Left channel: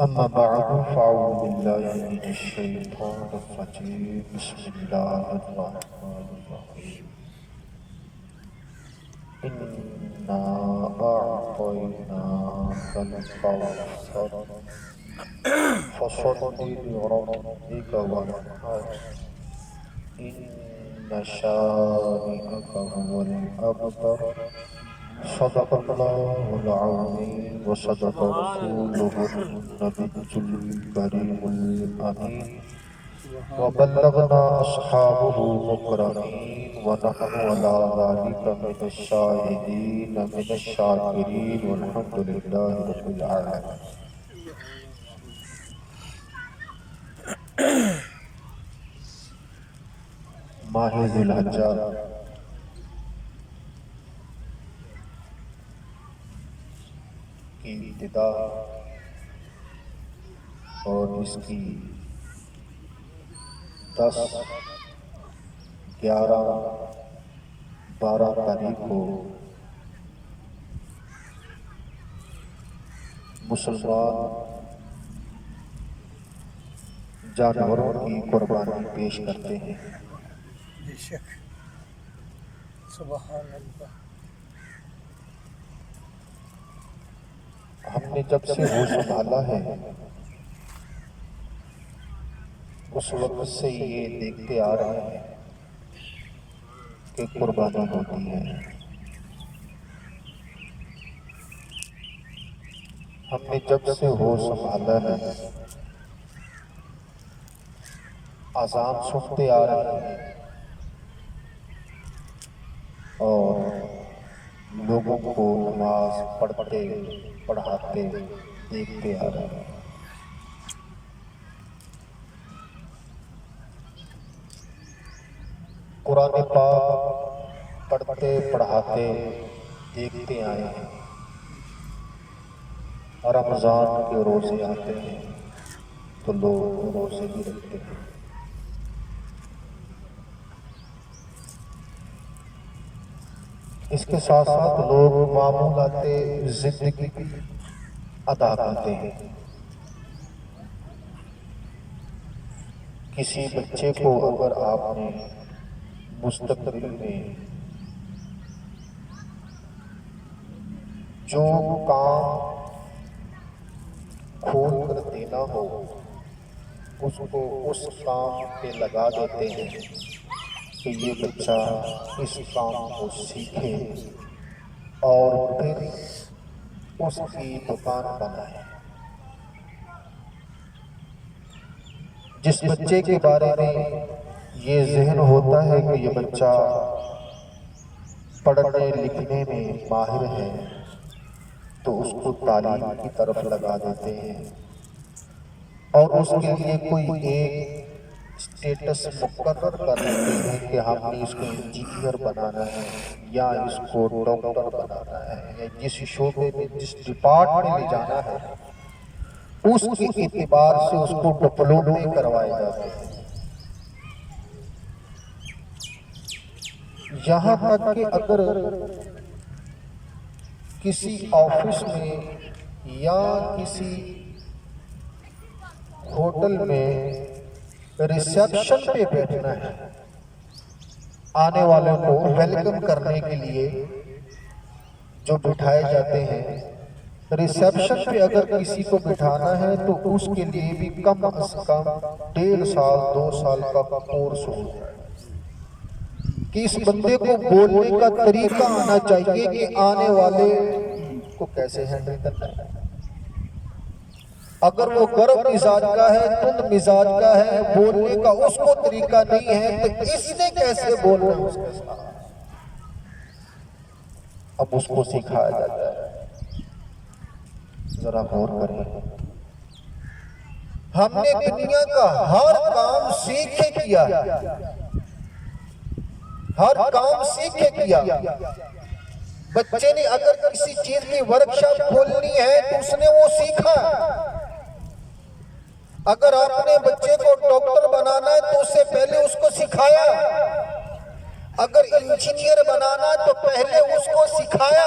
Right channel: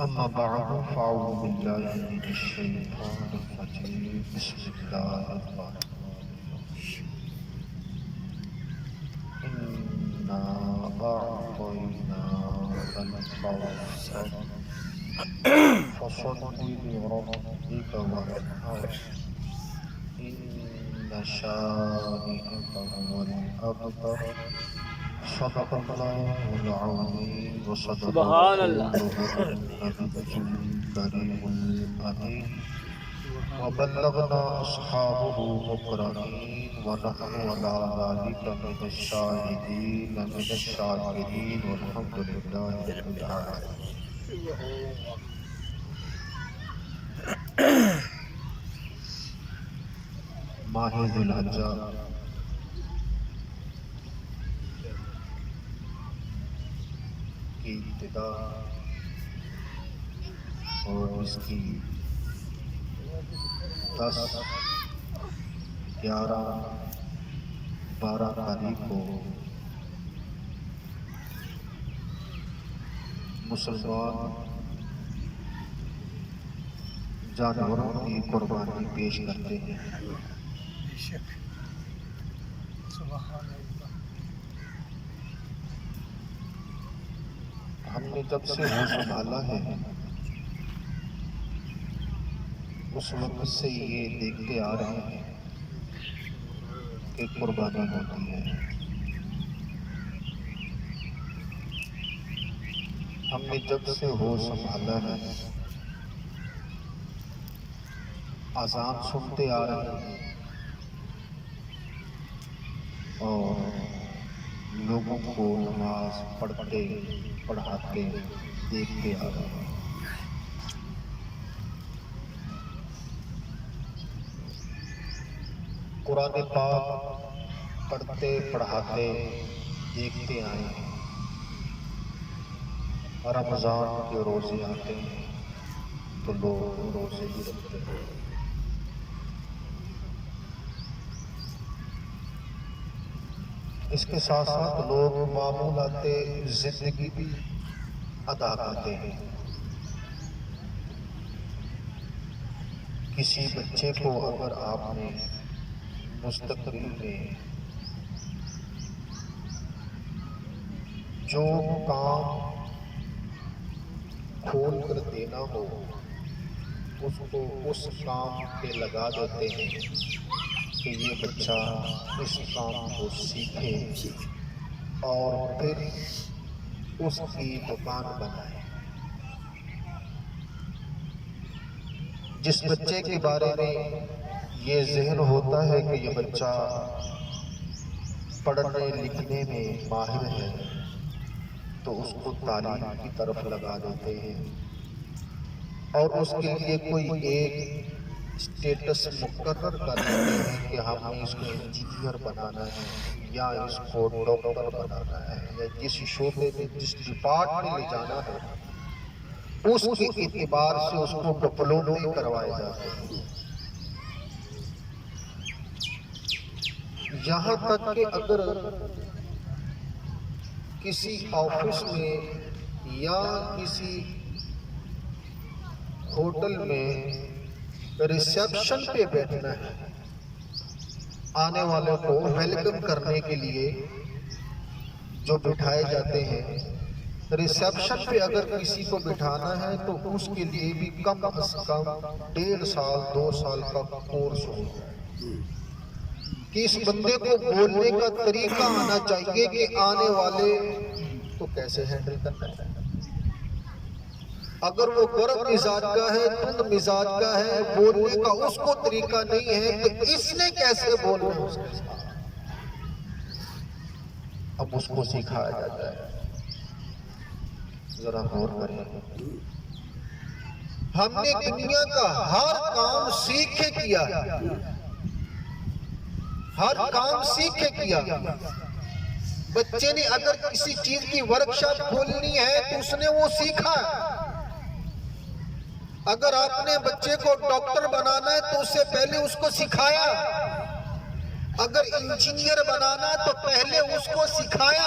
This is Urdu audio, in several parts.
أما بعد فأعوذ بالله من الشيطان الرجيم بسم الله الرحمن الرحيم إنا أعطيناك الكوثر فصل لربك وانحر إن شانئك هو الأبتر صدق الله العظيم وصدق رسوله النبي الكريم الأمين وبلغنا أصحابه مكرمين ونحن على ذلك من الشاهدين من الشاكرين والحمد لله رب العالمين. ماہ ذی الحجہ کی ابتدا اور اس کی 10، 11، 12 تاریخ کو مسلمان جانوروں کی قربانی پیش کرتے ہیں. سبحان اللہ. ہم نے جب سے وہ سنبھالا ہے اس وقت سے یہ دیکھتے آ رہے ہیں کہ قربانی ہوتی ہے. ہم نے جب سے وہ سنبھالا ہے اذان سنتے آ رہے ہیں اور لوگوں کو نماز پڑھتے پڑھاتے دیکھتے آ رہے ہیں. قرآن پاک پڑھتے پڑھاتے دیکھتے آئے ہیں. رمضان کے روزے آتے ہیں تو لوگ روزے بھی رکھتے ہیں. اس کے ساتھ ساتھ لوگ معمولات زندگی بھی ادا کرتے ہیں. کسی بچے کو اگر آپ نے مستقبل میں جو کام کھول کر دینا ہو اس کو اس کام پہ لگا دیتے ہیں کہ یہ بچہ اس کام کو سیکھے اور پھر اس کی دکان بنائے. جس بچے کے بارے میں یہ ذہن ہوتا ہے کہ یہ بچہ پڑھنے لکھنے میں ماہر ہے تو اس کو تعلیم کی طرف لگا دیتے ہیں اور اس کے لیے کوئی ایک اسٹیٹس مقرر کر دیتے ہیں کہ ہم نے اس کو انجینئر بنانا ہے یا اس کو ڈاکٹر بنانا ہے یا جس شعبے میں جس ڈپارٹمنٹ میں جانا ہے اس کے اعتبار سے اس کو ڈپلومے کروائے جاتے ہیں. یہاں تک کہ اگر کسی آفس میں یا کسی ہوٹل میں ریسیپشن پہ بیٹھنا ہے آنے والوں کو ویلکم کرنے کے لیے جو بٹھائے جاتے ہیں ریسیپشن پہ اگر کسی کو بٹھانا ہے تو اس کے لیے بھی کم از کم 1.5 سال 2 سال کا کورس ہوگا کہ اس بندے کو بولنے کا طریقہ آنا چاہیے کہ آنے والے کو کیسے ہینڈل کرنا ہے. اگر وہ گرم مزاج کا ہے تند مزاج کا ہے بولنے کا اس کو طریقہ نہیں ہے کہ اس نے کیسے بولنا ہے اس کے ساتھ اب اس کو سکھایا جاتا ہے. ذرا غور کریں. ہم نے دنیا کا ہر کام سیکھ کے کیا ہر کام سیکھ کے کیا. بچے نے اگر کسی چیز کی ورکشاپ کھولنی ہے تو اس نے وہ سیکھا. اگر آپ نے بچے کو ڈاکٹر بنانا ہے تو اس سے پہلے اس کو سکھایا. اگر انجینئر بنانا تو پہلے اس کو سکھایا.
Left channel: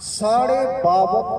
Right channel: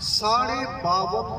52.5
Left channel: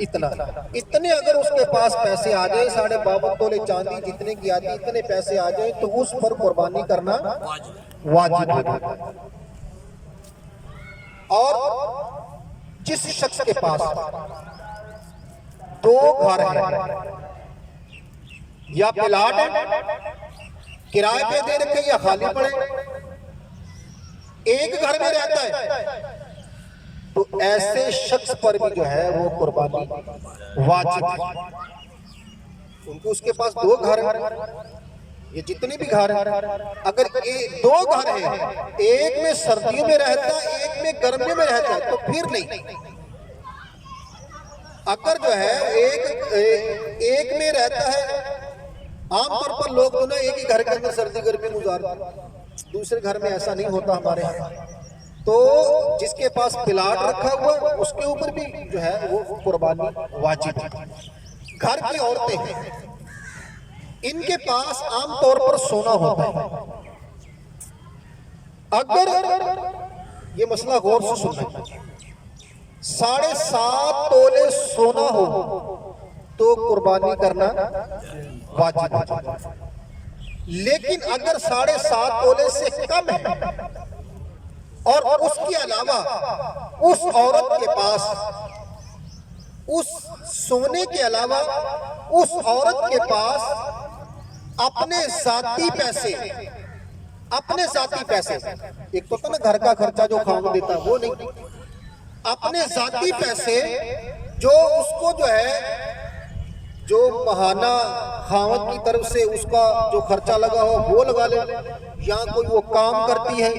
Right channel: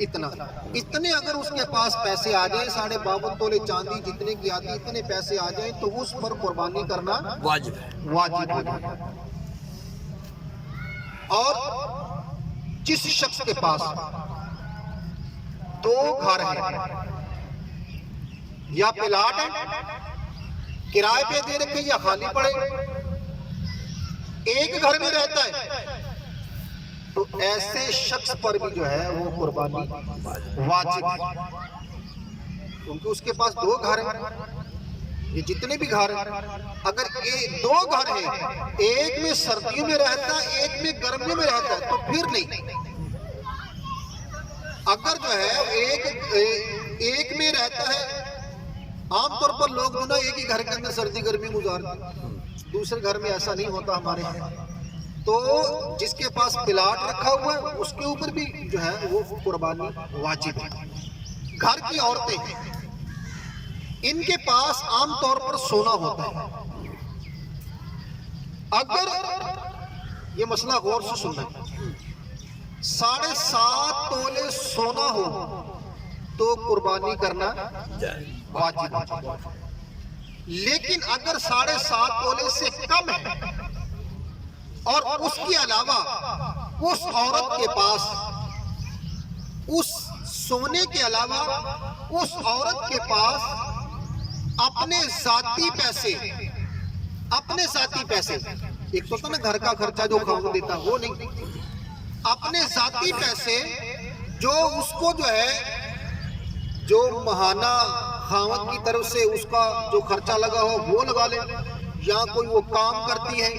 اتنے اگر اس کے پاس پیسے آ جائیں 52.5 تولے چاندی جتنے کی آتی اتنے پیسے آ جائیں تو اس پر قربانی کرنا واجب ہو جائے. اور جس شخص کے پاس 2 گھر ہیں یا پلاٹ ہے کرائے پہ دے رکھے یا خالی پڑے ایک گھر میں رہتا ہے تو ایسے شخص پر بھی جو ہے وہ قربانی واجب ہے کیونکہ اس کے پاس 2 گھر ہیں یہ جتنے بھی گھر ہیں اگر 2 گھر ہیں ایک میں سردیوں میں رہتا ہے ایک میں گرمیوں میں رہتا ہے تو پھر نہیں. اگر جو ہے ایک میں رہتا ہے عام طور پر لوگ جو نا ایک ہی گھر کے اندر سردی گرمی گزارتے دوسرے گھر میں ایسا نہیں ہوتا ہمارے ہاں. تو جس کے پاس پلاٹ رکھا ہوا ہے اس کے اوپر بھی جو ہے وہ قربانی واجب ہے. گھر کی عورتیں ہیں ان کے پاس عام طور پر سونا ہوتا ہے. اگر یہ مسئلہ غور سے سننا ہے 7.5 تولے سونا ہو تو قربانی کرنا واجب ہے. لیکن اگر 7.5 تولے سے کم ہے اور اس کے علاوہ اس عورت کے پاس اس سونے کے علاوہ اس عورت کے پاس اپنے ذاتی پیسے ایک تو نا گھر کا خرچہ جو خاوند دیتا وہ نہیں اپنے ذاتی پیسے جو اس کو جو ہے جو ماہانہ خاوند کی طرف سے اس کا جو خرچہ لگا ہو وہ لگا لے یا کوئی وہ کام کرتی ہے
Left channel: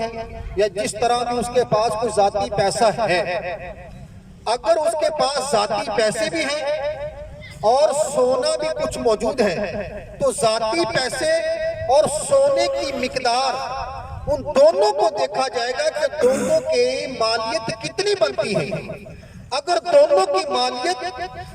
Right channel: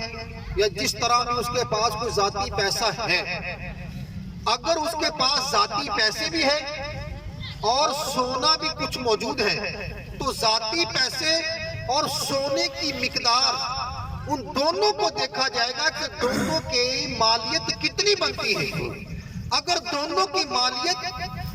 یا جس طرح بھی اس کے پاس کوئی ذاتی پیسہ ہے. اگر اس کے پاس ذاتی پیسے بھی ہیں اور سونا بھی کچھ موجود ہے تو ذاتی پیسے اور سونے کی مقدار ان دونوں کو دیکھا جائے گا کہ دونوں کی مالیت کتنی بنتی ہے. اگر دونوں کی مالیت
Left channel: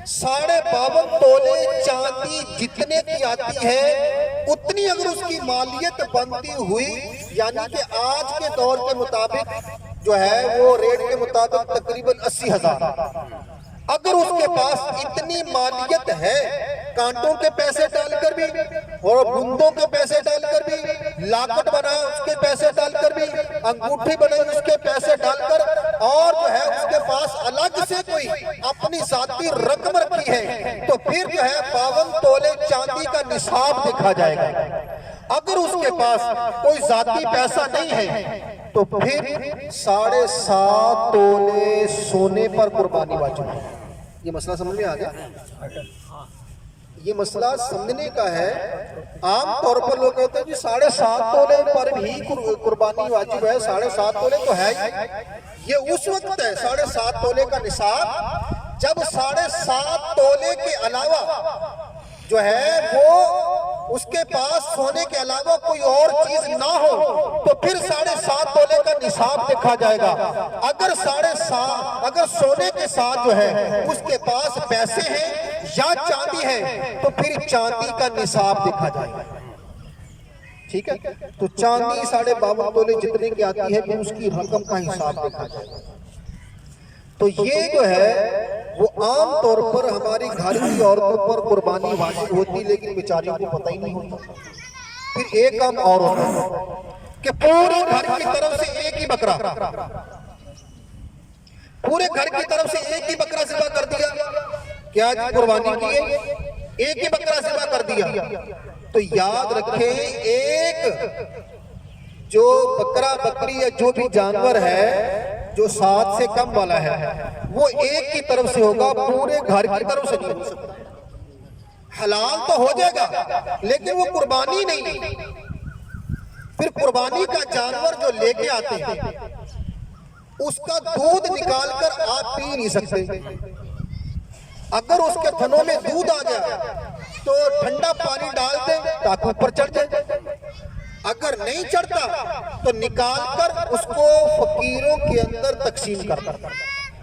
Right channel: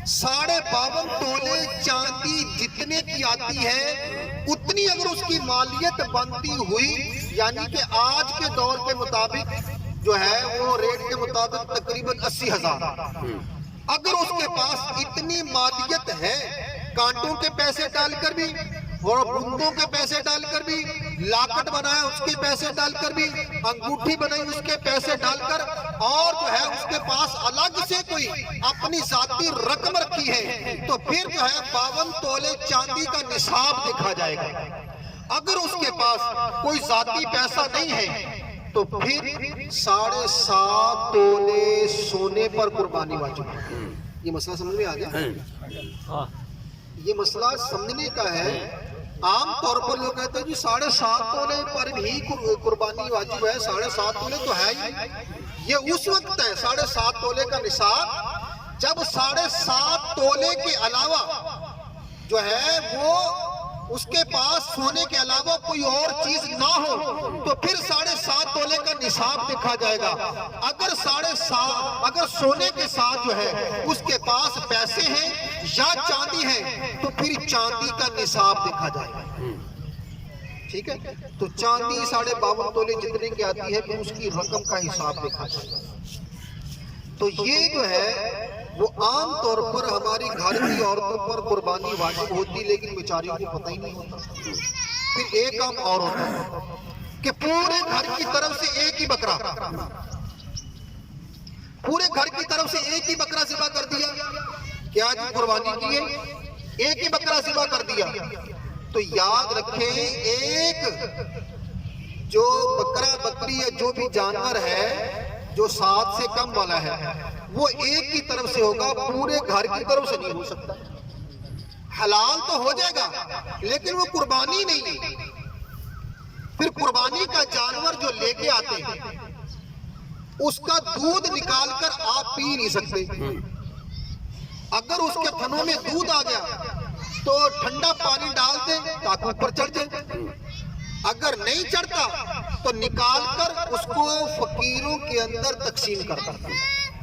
52.5 تولے چاندی جتنے کی آتی ہے اتنی اگر اس کی مالیت بنتی ہوئی یعنی کہ آج کے دور کے مطابق جو ہے وہ ریٹ کے مطابق تقریباً 80,000 اگر اس کے پاس اتنی مالیت ہے کانٹوں کے پیسے ڈال کر بھی اور بندوں کے پیسے ڈال کر بھی لاکٹ بنایا اس کے پیسے ڈال کر بھی انگوٹھی بنائی اس کے پیسے ڈال کر اور جو ہے اس کے پاس الگ سے کوئی اپنی ذاتی رقم رکھی ہے تو پھر جو ہے 52 تولے چاندی کا نصاب دیکھا جائے گا. اگر اس کے پاس کوئی ذاتی پیسہ نہیں ہے تو پھر 7.5 تولے سونے پر قربانی واجب ہے. یہ مسئلہ سمجھ میں آ گیا؟ یہ مسئلہ سمجھنے کا ہے. عام طور پر لوگ کہتے ہیں جی 7.5 تولے پر بھی قربانی واجب ہے. 7.5 تولے تو ہے ہی. یہ اس وقت ہے 7.5 تولے کا نصاب جب 7.5 تولے کے علاوہ جو ہے وہ اس کے پاس سونے کے علاوہ کوئی اور چیز نہ ہو تو پھر 7.5 تولے کا نصاب دیکھا جائے گا. اگر سونے کے ساتھ جو ہے اس کے پاس پیسے ہیں یا چاندی ہے تو پھر چاندی کا نصاب دیکھا جائے گا. ٹھیک ہے تو چاندی 52.5 تولے جتنے کی آتی ہے پھر اس کی رقم کا حساب دیکھا جائے گا. تو یہ جو ہے وہ عام طور پر ہماری گھر کی عورتوں پر قربانی واجب ہوتی لیکن بیچاریوں کو پتہ ہی نہیں ہوتا. پھر ایک کام اور ہوتا ہے کہ پورے گھر کی طرف سے ایک ہی بکرا پورے گھر کی طرف سے ایک ہی بکرا ذبح کر دیا. کیا جی قربانی کی ہے ایک ہی بکرا ذبح کر دیا تو یاد رکھیں ایک جو بکرا بکری یا جو بھی جانور ہے جو 7 سے کم والا ہے وہ ایک کی طرف سے ہوگا پورے گھر کی طرف سے نہیں ہو سکتا. حلال تو ہو جائے گا لیکن وہ قربانی نہیں. پھر قربانی کا جانور جو لے کے آتے ہیں اس کا دودھ نکال کر آپ پی نہیں سکتے. اگر اس کے تھنوں میں دودھ آ گیا تو ٹھنڈا پانی ڈال دیں تاکہ اوپر چڑھ جائے. اگر نہیں چڑھتا تو نکال کر اس کو فقیروں کے اندر تقسیم کرتا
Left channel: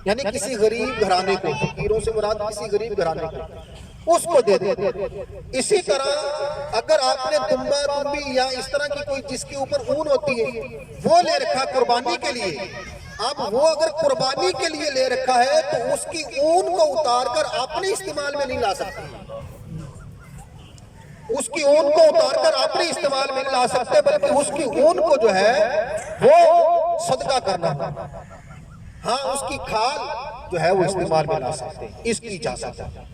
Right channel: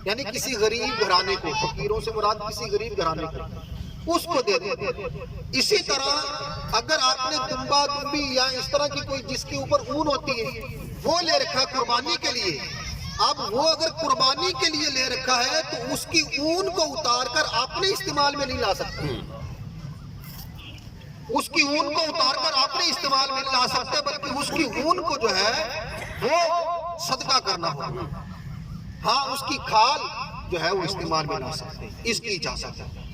یعنی کسی غریب گھرانے کو فقیروں سے مراد کسی غریب گھرانے کو اس کو دے دیں. اسی طرح اگر آپ نے دمبا دمبی یا اس طرح کی کوئی جس کے اوپر اون ہوتی ہے وہ لے رکھا قربانی کے لیے اب وہ اگر قربانی کے لیے لے رکھا ہے تو اس کی اون کو اتار کر اپنے استعمال میں نہیں لا سکتے، اس کی اون کو اتار کر اپنے استعمال میں نہیں لا سکتے، بلکہ اس کی اون کو جو ہے وہ صدقہ کرنا ہوگا۔ ہاں اس کی کھال جو ہے وہ استعمال میں لا سکتے، اس کی اجازت ہے۔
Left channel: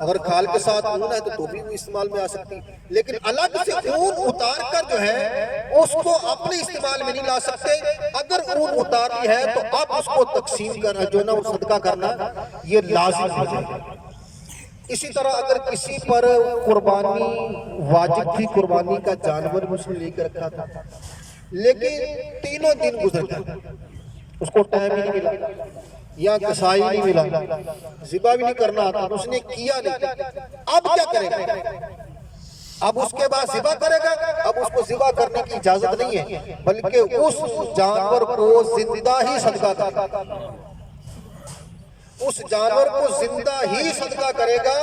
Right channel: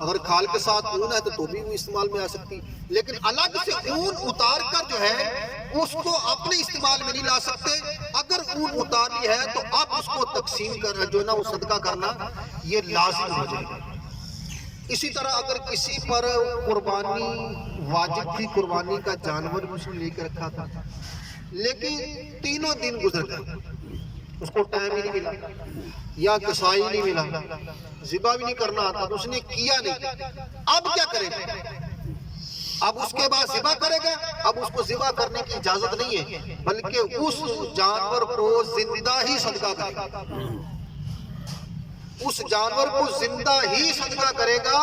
اگر کھال کے ساتھ اون ہے تو بھی وہ استعمال میں آ سکتی، لیکن الگ سے اون اتار کر جو ہے اس کو اپنے استعمال میں نہیں لا سکتے۔ اگر اون اتار لی ہے تو اب اس کو تقسیم کرنا جو نا وہ صدقہ کرنا یہ لازم ہو جائے گا۔ اسی طرح اگر کسی پر قربانی واجب تھی، قربانی کا جانور اس نے لے کے رکھا تھا، لیکن تینوں دن گزر گئے، اس کو ٹائم ہی نہیں ملا یا کسائی نہیں ملا، ذبح بھی نہیں کرنا آتا، اس نے کیا نہیں، اب کیا کرے گا؟ اب اس کے بعد ذبح کرے گا؟ اب اس کو ذبح کرنے کی اجازت نہیں ہے، بلکہ اس جانور کو زندہ ہی صدقہ کرے گا، اس جانور کو زندہ ہی صدقہ کرے گا،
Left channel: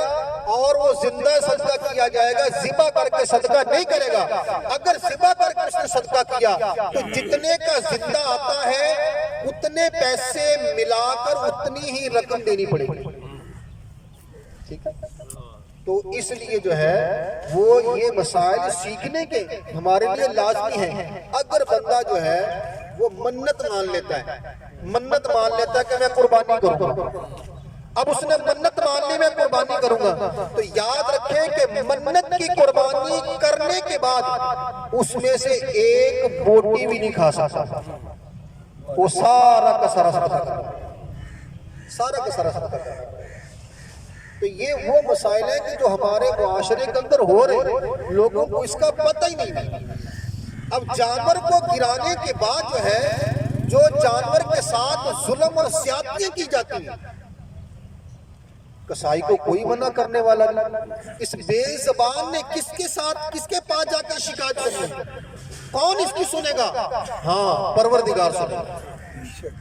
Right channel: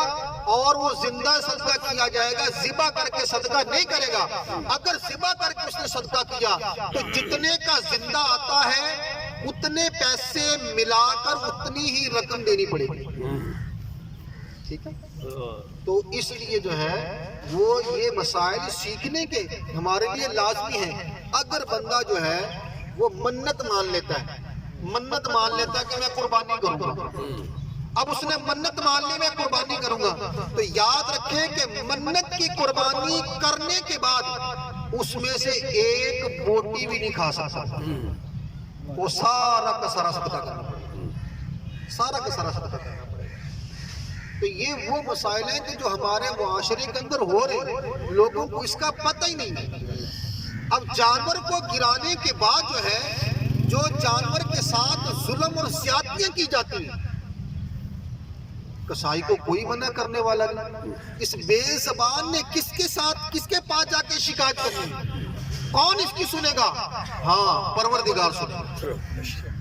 اور وہ زندہ صدقہ کیا جائے گا، ذبح کر کے صدقہ نہیں کرے گا۔ اگر ذبح کر کے اس نے صدقہ کیا تو جتنے کا زندہ آتا ہے اتنے پیسے ملا کر اتنی ہی رقم دینی پڑے گی، ٹھیک ہے؟ تو اس لیے جو ہے وہ یہ مسائل سیکھنے کے ہمارے لیے لازمی ہیں۔ اگر بندہ جو ہے وہ منت مان لیتا ہے، منت مان لیتا ہے کہ میں قربانی کروں گا، اب اس نے منت مان لی میں قربانی کروں گا، تو یاد رکھیں کہ منت کی قربانی کرنے کے بعد اس میں سے ایک بوٹی بھی نہیں کھا سکتا، وہ سارا کا سارا صدقہ کرنا پڑے گا، سارا کا سارا صدقہ کرنا پڑے گا۔ تو یہ وہ مسائل ہیں کہ جو ہمارے معاشرے کے اندر ہو رہے ہیں، لوگوں کو اس کا پتہ ہی نہیں ہے۔ اب جانور کو گرانے کے بعد جو ہے جو جانور کے ساتھ ظلم اور زیادتیاں کی جاتی ہیں، کسائی کو کوئی منع کرنے والا نہیں، اس بے زبان نے کس کے ساتھ کس کے پاس جا کے شکایت کرنی ہے؟ کون اس کی سنے گا؟ ہاں پروردگار سنے گا،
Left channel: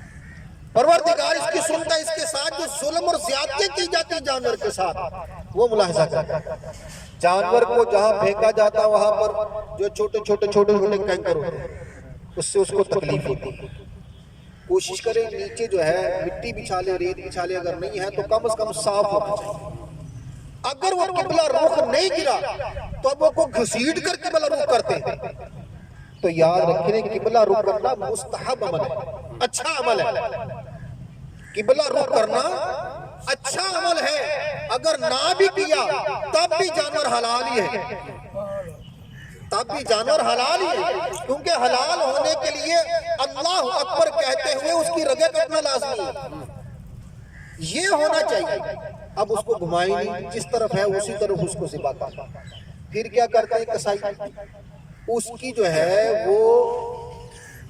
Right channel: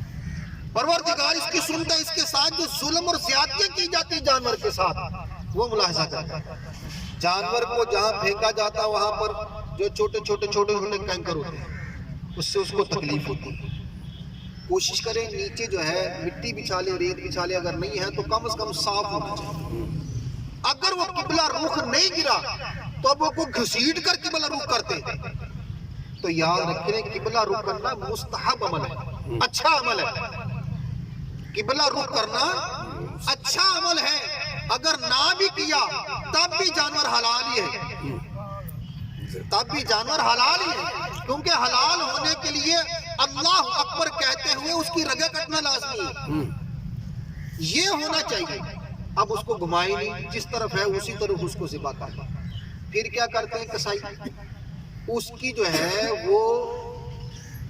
پروردگار اس کی سنتا ہے۔ اس کے ساتھ جو ظلم اور زیادتیاں کی جاتی جانور کے ساتھ وہ ملاحظہ کرتا ہے۔ جانور کو جہاں پھینکا جاتا وہاں پر جو چھوٹے چھوٹے کینکر ہوتے ہیں، اس سے اس کو تکلیف ہوتی ہے۔ کوشش کریں نیچے جو ہے مٹی بچھا لے، ریت بچھا لے، اگر نہیں ہے تو کم از کم صاف ہونا چاہیے۔ اگر وہ قبلہ رخ نہیں گرا تو اب وہ کو گھسیٹ کر قبلہ رخ کرتے، تو یاد رکھیں قبلہ رخ کرنا مستحب عمل ہے، اچھا عمل ہے۔ قبلہ رخ کرنا اچھا عمل ہے، اگر نہ بھی کیا تب بھی جانور حلال ہی ہے، تب بھی جانور حلال ہی ہے، کیونکہ حلال ہونے کے لیے اللہ اکبر کہتے ہوئے اس کی رگیں کٹنا لازمی ہے، یہ ہونا چاہیے۔ اب اس کو گھمائی نہیں، جس طرف ہے اسی طرف اس کو ذبح کر۔ پھر کیا کرتے ہیں کسائی؟ اس کی جو ہے وہ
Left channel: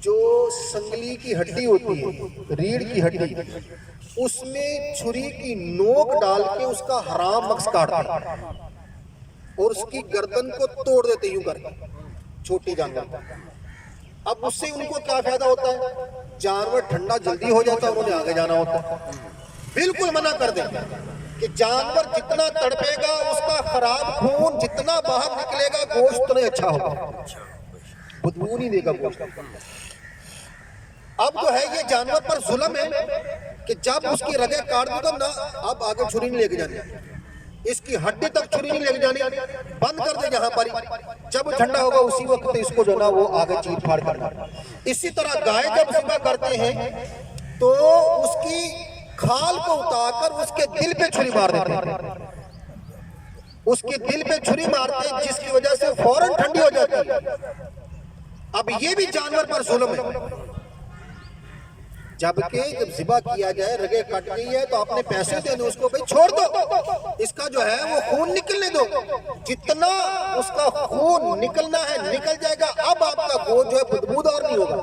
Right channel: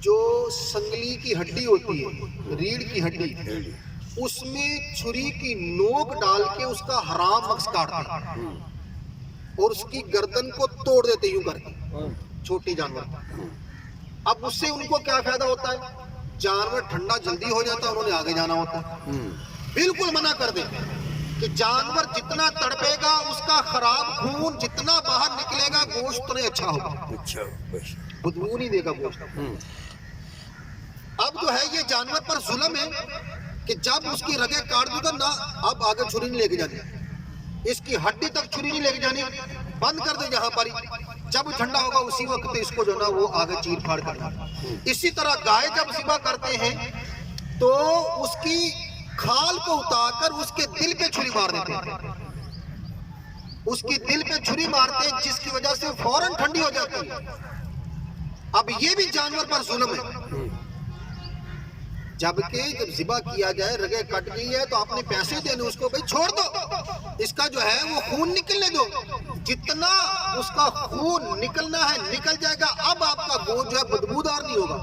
جو سنگلی کی ہڈی ہوتی ہے، ریڑھ کی ہڈی، اس میں چھری کی نوک ڈال کے اس کا حرام مغز کاٹتے ہیں اور اس کی گردن کو توڑ دیتے یوں کر کے، چھوٹی جانور کو۔ اب اس سے ان کو کیا فائدہ ہوتا ہے؟ جانور ٹھنڈا جلدی ہو جاتا ہے، انہوں نے آگے جانا ہوتا ہے۔ بالکل منع کر دیں کہ جانور جتنا تڑپے گا اس کا خراب خون جتنا باہر نکلے گا گوشت اتنا اچھا ہوگا، بدبو نہیں دے گا گوشت۔ اب جو ہے یہ جانور پر ظلم ہے کہ جب اس کی رگیں کاٹ دو تو نہ اب آگے چھری نہیں لے کے جانی، اس کی ہڈی تک چھری نہیں لے کے جانی، بند کر دے جہاں پر ہی، جب ٹھنڈا ہوگا اسی وقت اس کو جو نا وہ آگے چیر پھاڑ کرنا۔ اسی طرح گائے جب ذبح کرتے ہیں تو اس کی کھال کو اتار کر اس کے دل پہ چھری مار دیتے ہیں، اس کی دل پہ چھری مارتے ہیں جس کی وجہ سے فوراً ٹھنڈی ہو جاتی ہے۔ اب یہ بھی جانور پر ظلم ہے، جبکہ جب ذبح کیا جائے رگیں کٹ گئی ہے تو آپ نے پیسے دینے اس کو، بھئی چھوڑ دو، اس کا جو ہے وہ خون نکلنے دو، جتنا اس کا خون نکلنا ہے نکل جائے گا، اب آپ کا گوشت جو ہے بدبودار نہیں ہوگا،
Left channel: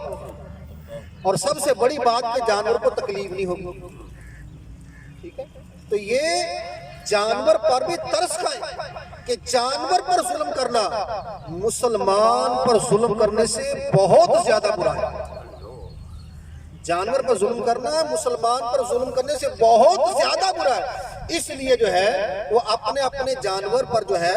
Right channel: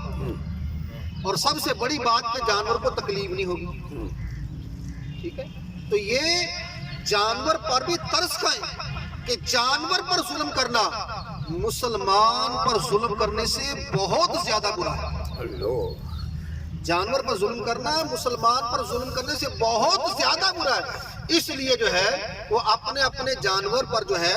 اور سب سے بڑی بات کہ جانور کو تکلیف نہیں ہوگی، ٹھیک ہے؟ تو یہ جانور پر بھی ترس کھائیں کہ جانور پر ظلم کرنا مسلمان پر ظلم کرنے سے بہت زیادہ برا ہے۔ جانور پر ظلم کرنا مسلمان پر ظلم کرنے سے بہت زیادہ برا ہے، اس لیے جو ہے وہ اپنے اپنے جانور پر جو ہے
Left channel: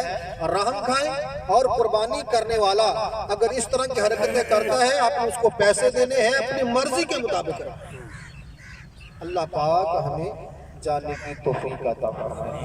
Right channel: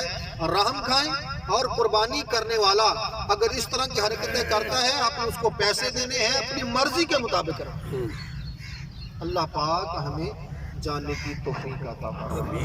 رحم کھائیں، اور قربانی کرنے والا اگر اس طرح کی حرکتیں کرتا ہے آپ نے اس کو پیسے دینے ہیں اپنی مرضی کے مطابق کرو. اللہ پاک ہمیں جاننے کی توفیق عطا فرمائے.